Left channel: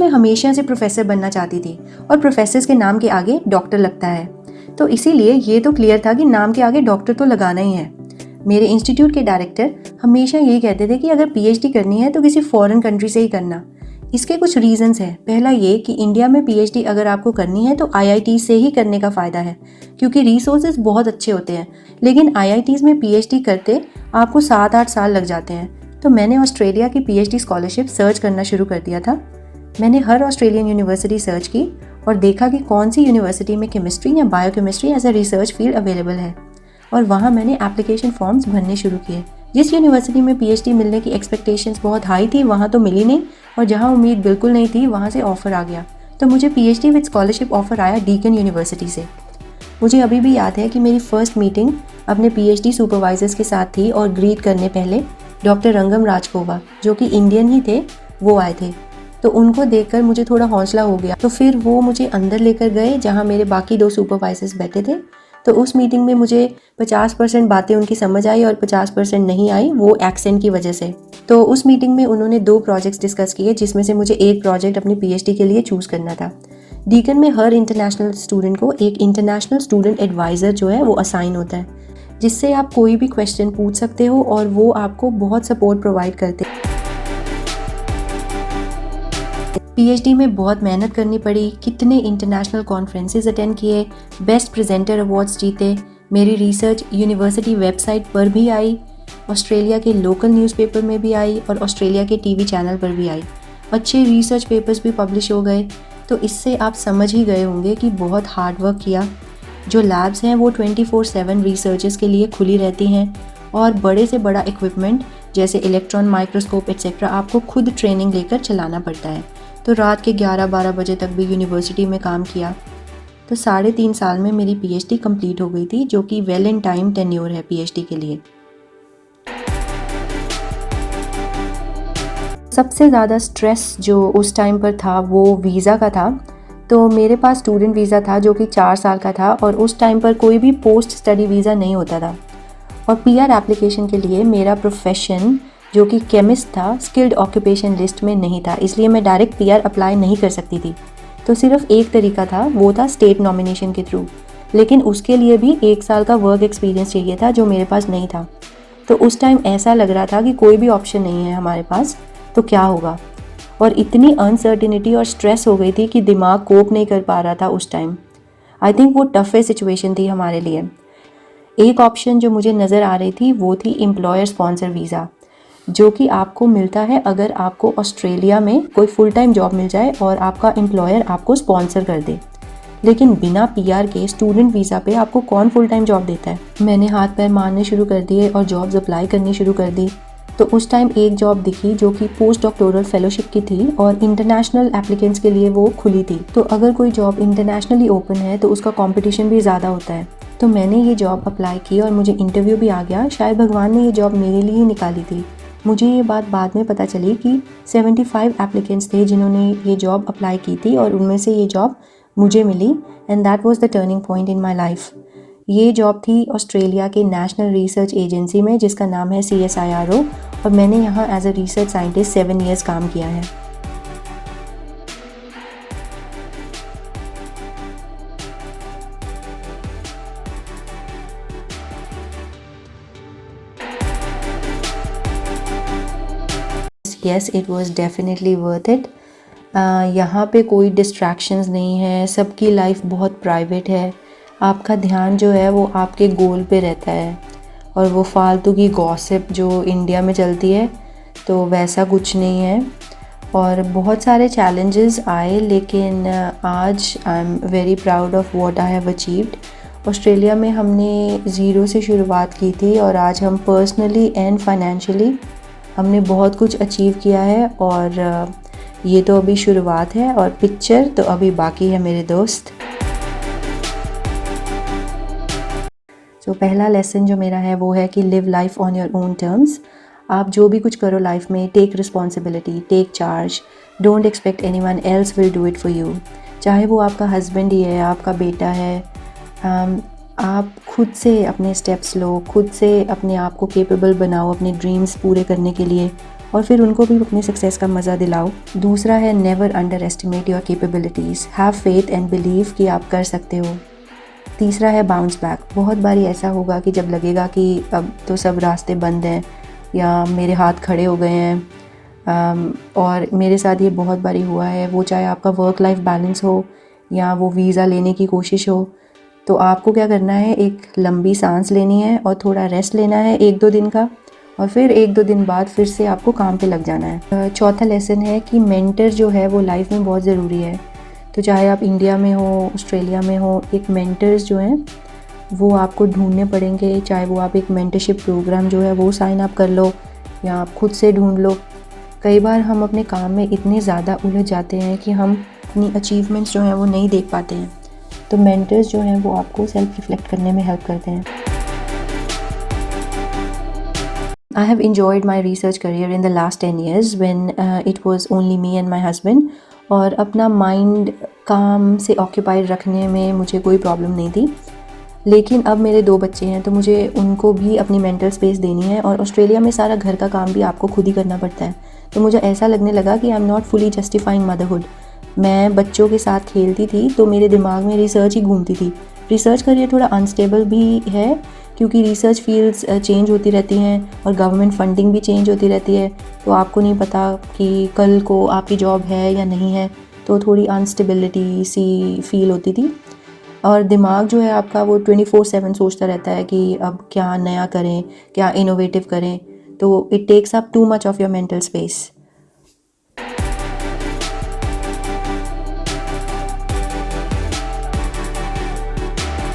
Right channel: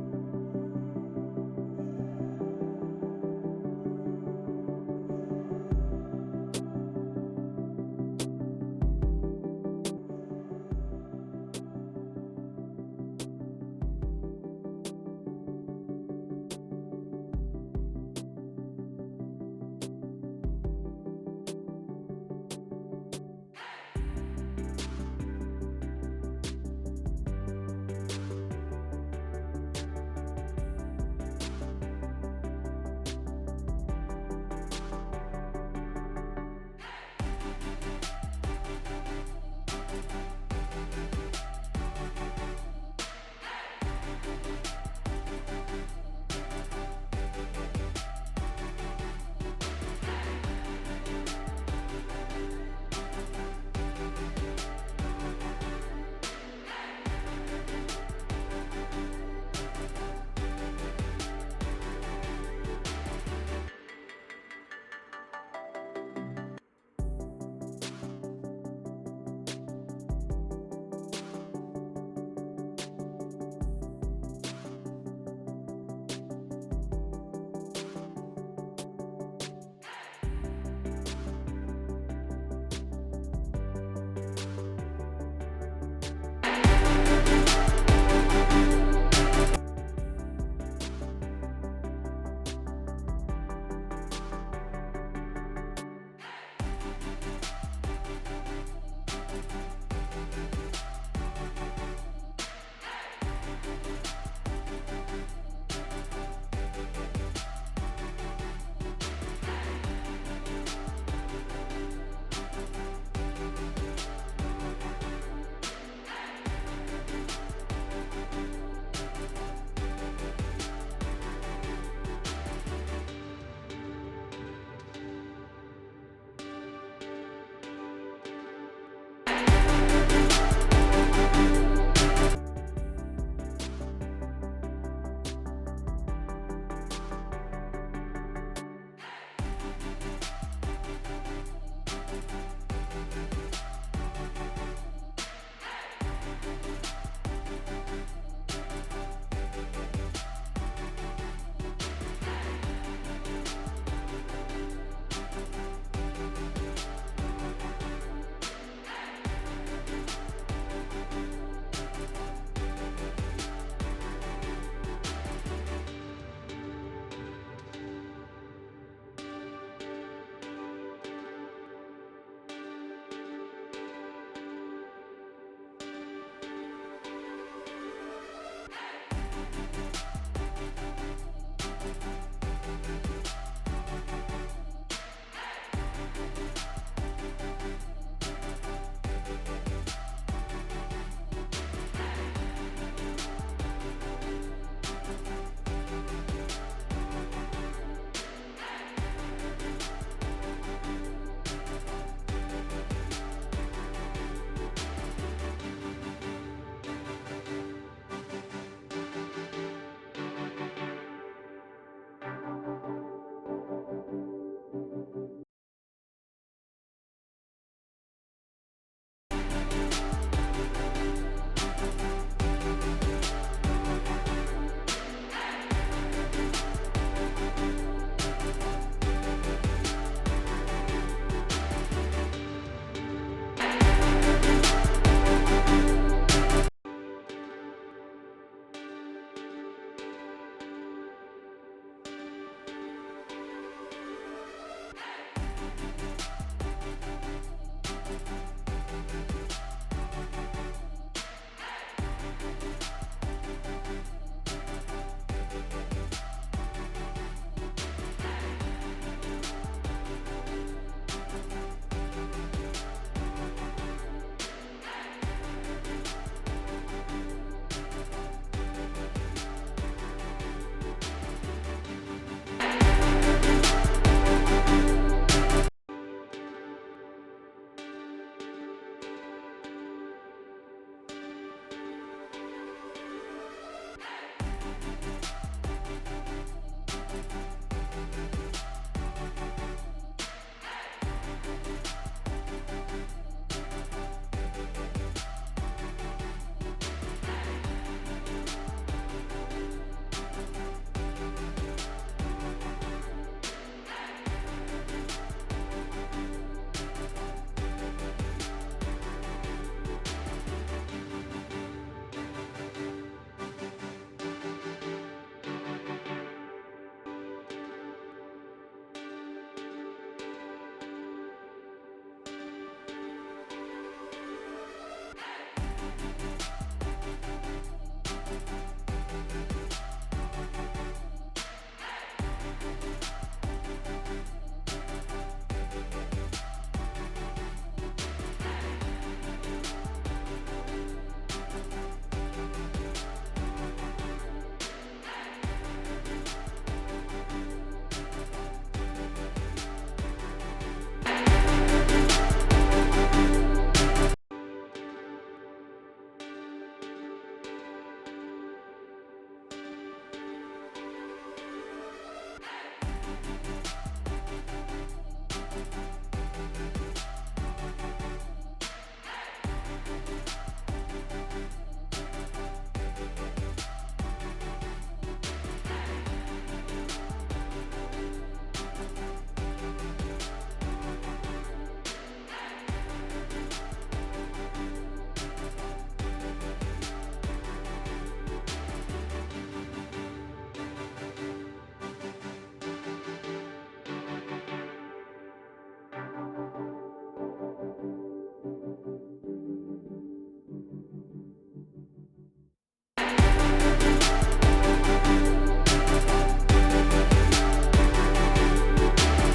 मैं हमेशा से प्रोफेसर बनना चाहती थी और प्रोफेसर्स के नाम के आगे डॉक्टर लगता है, तो इसीलिए ये तो क्लियर था कि नाम के आगे डॉक्टर तो लगाना ही है। मेरे इंस्टीट्यूट के डायरेक्टर हमेशा यही कहते थे कि अगर पीएचडी करनी है तो किसी फॉरेन कंट्री से ही करना। इसके कुछ रीजंस हैं। पहला ये कि इंडिया में पीएचडी अगर आपको करनी है तो आईआईटी से ही करने का फ़ायदा है, क्योंकि रिसोर्सेज बहुत अच्छे होते हैं। लेकिन आईआईटीज़ में पीएचडी करते आपको 7-8 साल लग जाते हैं। तो मैंने ऑस्ट्रेलिया की पीएचडी स्कॉलरशिप सर्च करना शुरू कर दिया था। मैंने हर ऑस्ट्रेलियन यूनिवर्सिटी सर्च की और देखा कि कौन सी यूनिवर्सिटी में केमिस्ट्री या biochemistry as a research field available है, और वहाँ मैंने एप्लीकेशन फॉर्म्स भरने शुरू किए। जिस यूनिवर्सिटी में पीएचडी मिलने की एक्सपेक्टेशंस बहुत हाई थी वहाँ तो मिली नहीं, और जहाँ उम्मीद बिल्कुल नहीं थी वहाँ से ऑफ़र आ गया। तो मुझे पीएचडी विद स्कॉलरशिप ऑफ़र आया डीकन यूनिवर्सिटी से। मुझे अभी भी याद है कि मेरी फर्स्ट मीटिंग अपने पीएचडी सुपरवाइजर्स के साथ थी, और ग्रीट करने पहले डॉक्टर रंगम राजकोवा, जो कि इंडियन ही थे, वो आए थे। तो उनको देखकर मुझे थोड़ा हौसला हो गया। तो फिर वो मुझे अंदर लेकर गए जहाँ मेरे बाकी 2 सुपरवाइजर्स बैठे थे। तो उस मीटिंग में मुझे 50% बातें उनकी समझ आई और 50% नहीं आई, वो एक्सेंट की वजह से। तो उस मीटिंग में उन्होंने 2 प्रोजेक्ट्स डिस्कस किए, जिसमें से मुझे एक प्रोजेक्ट अपनी पीएचडी के लिए चूज़ करना था। डीकन में हर इंटरनेशनल स्टूडेंट को एक इंटरनेशनल स्टूडेंट एडवाइज़र जो है वो असाइन होता है, जिससे आप कोई भी क्वेश्चन पूछ सकते हो और वो आपको बहुत सपोर्ट प्रोवाइड करते हैं। पीएचडी में बहुत मेहनत करनी पड़ी, कितने इंटरनेशनल कॉन्फ्रेंसेस अटेंड किए, बेस्ट प्रेजेंटर अवार्ड्स जीते। मेरी रिसर्च यूनिवर्सिटी वेबसाइट पर भी आई, ऑस्ट्रेलिया के लोकल न्यूज़पेपर में भी आई और ऑस्ट्रेलिया के टीवी चैनल पर भी आई। अच्छे रिसर्च पेपर्स भी पब्लिश हो गए। तो इससे आप समझ ही गए होंगे कि बहुत हार्ड वर्क किया। जो लैब्स हैं वो 24/7 रिसर्चर्स के लिए खुली रहती हैं, और बड़े से बड़ा इक्विपमेंट जैसे इलेक्ट्रॉन माइक्रोस्कोप एक्सेट्रा आपको खुद ट्रेनिंग लेकर चलाना पड़ता है। तो रात के 11-12 बजे तक भी यूनिवर्सिटी में काम किया। तो 3.5 साल में मेरी पीएचडी कंप्लीट हो गई थी, जो कि वेल इन टाइम टेन्योर है पीएचडी के लिए। सबसे ज़्यादा स्ट्रेस जो उस टाइम पर था वो वीज़ा का था। तो मेरे पास स्टूडेंट वीज़ा था जो कि 4 साल का था, और उस टाइम पर कोई भी पोस्ट स्टडी वीज़ा नहीं होता था। और पीआर एप्लीकेशन के लिए मेरा प्रोफेशन जो कि केमिस्ट था स्किल्ड ऑक्यूपेशन लिस्ट में नहीं था, इसलिए मैं डायरेक्ट पीआर अप्लाई नहीं कर सकती थी। तो सिर्फ एक तरीका था, वो था स्टेट नॉमिनेशन के थ्रू। लेकिन उसके लिए भी 1 साल का वर्क एक्सपीरियंस चाहिए था, जो मेरे पास नहीं था। तो उस टाइम ऐसा लग रहा था कि कोई भी ऑप्शन नहीं है हमारे पास, तो क्या होगा। और इतनी अनसर्टिनिटी और स्ट्रेस हो गई थी कि दिमाग कोप नहीं कर पा रहा था उस टाइम। आई थिंक वो टफेस्ट सिचुएशन थी हमारे लिए। एक ऑप्शन जो मुझे नज़र आ रही थी वो थी एम्प्लॉयर स्पॉन्सर वीज़ा, जो कि आपको मिलता है अगर आपको ऑस्ट्रेलिया में कोई फुल टाइम जॉब मिल जाए और आपका एम्प्लॉयर आपको स्पॉन्सर कर दे। लेकिन बिना पीआर के स्टूडेंट वीज़ा पे आपको कौन फुल टाइम जॉब देता है। मैंने हाथ पैर मारने शुरू कर दिए और जॉब्स अप्लाई करनी शुरू कर दी। तो उस टाइम एक जॉब दिखी जो कि पोस्ट डॉक्टोरल फेलोशिप की थी, और इंटरनेशनल एप्लीकेंट्स के लिए वो खुली थी। तो अगर कोई जॉब इंटरनेशनली ओपन है तो उसका कंपटीशन भी ज़्यादा होता है। तो मैंने ये जॉब अप्लाई की और मुझे इंटरव्यू भी आ गया। शायद भगवान ने ये जॉब मेरे लिए ही निकाली थी। मुझे ये बात बाद में पता चली कि 75 एप्लीकेंट्स थे जिन्होंने ये जॉब अप्लाई की थी, और उनमें से ये जॉब मुझे मिली, and that was the turning point in my life. ये जॉब थी ऑस्ट्रेलिया के नेशनल रिसर्च एजेंसी में, जिसका नाम है CSIRO, और मैंने यहाँ as a research scientist 7 years काम किया है। Yes, it was definitely worth it. यहाँ पे कोई डिस्ट्रैक्शंस नहीं है, सबकी लाइफ बहुत प्राइवेट है। आपका ध्यान जो है वो आपके गोल पे रहता है, और वो फालतू की गॉसिप जो इंडिया में चलती है तो वैसा कुछ नहीं है। और बहुत सारे चैलेंजेस आए, लेकिन आज I am very proud of what I have achieved. Australia में हमने ज़ीरो से शुरुआत की थी, और आज हम पर्सनली एंड फाइनेंशियली हमने बहुत कुछ अचीव किया है। और ये तो अभी शुरुआत है, और पिक्चर तो अभी बाकी है मेरे दोस्त। तो पहला लेसन जो मेरा है वो है कि live life on your own terms. आप जो भी कुछ करो लाइफ में, take responsibility, take charge, don't expect anyone else will do it for you. चाहे वो आपका हस्बैंड ही है, आपका बेटा है, आप खुद से अपने स्टेप्स लो, खुद से अपने आप को कैपेबल बनाओ अपने ड्रीम्स पूरे करने के लिए, और फिर उनको भी अपनी सक्सेस का मज़ा दिलाओ। दूसरा है never under estimate your capabilities, have faith and believe कि आप कर सकते हो। तीसरा है बाउंस बैक। बहुत बारी ऐसा होगा कि जब लगेगा कि अब तो सब रास्ते बंद हैं या मेरे हाथ खड़े हो गए हैं, और मेरे साथ ये बहुत बारी हुआ है, वो चाहे आपका वर्क लाइफ बैलेंस हो या वो वीज़ा लेने की कोशिश हो। तो आपको क्या करना है, एक लंबी सांस लेनी है और थोड़ा रेस्ट लेना है 1-2 दिन का, और फिर 1-2 दिन बाद फिर से आपको काम पे लग जाना है। चौथा लेसन है कि मेंटर जो है वो लाइफ में बहुत ज़रूरी है। तो चाहे आप इंडिया में हो, ऑस्ट्रेलिया में हो, एक मेंटर्स जो हैं वो आपको ढूंढने पड़ेंगे। चाहे वो आप एक मेंटरशिप प्रोग्राम जो है वो साइन अप कर लो या आप खुद से ढूंढ लो। कई बार हम अपने काम में इतने ज़्यादा उलझ जाते हैं कि हम अपनी अचीवमेंट्स जो हैं वो नहीं देख पाते हैं। तो मेंटर्स जो हैं वो आपको सेल्फ रिफ्लेक्ट करने में हेल्प करते हैं। I have enjoyed my research career in the last 10 years when it was only me and my husband, और अपना माइंड काम से ऑक्यूपाइड रखने में मुझे कोई प्रॉब्लम नहीं थी। लेकिन अब मेरे 2 बच्चे हैं तो मुझे उनको भी अपनी मेंटल स्पेस देनी है, और ऑस्ट्रेलिया में सारा घर का काम भी आपको खुद ही करना पड़ता है। तो मुझे ऐसा लगने लगा कि I am not fully justifying motherhood. मैं बच्चों के साथ खेलती थी तो मेरे दिमाग में रिसर्च ही घूमती थी। रिसर्च करियर थोड़ा अनस्टेबल भी है क्योंकि रिसर्च फील्ड्स चेंज होती रहती हैं और गवर्नमेंट फंडिंग भी चेंज होती रहती है, तो आपको नहीं पता कि कल को आपकी जॉब है या नहीं है, तो थोड़ी अनस्टेबिलिटी सी फील होती थी। और दिमाग जो है आपका वो 24/7 सोचता रहता है कि अब क्या नया करें, क्या इनोवेटिव करें, तो it takes up too much of your mental space.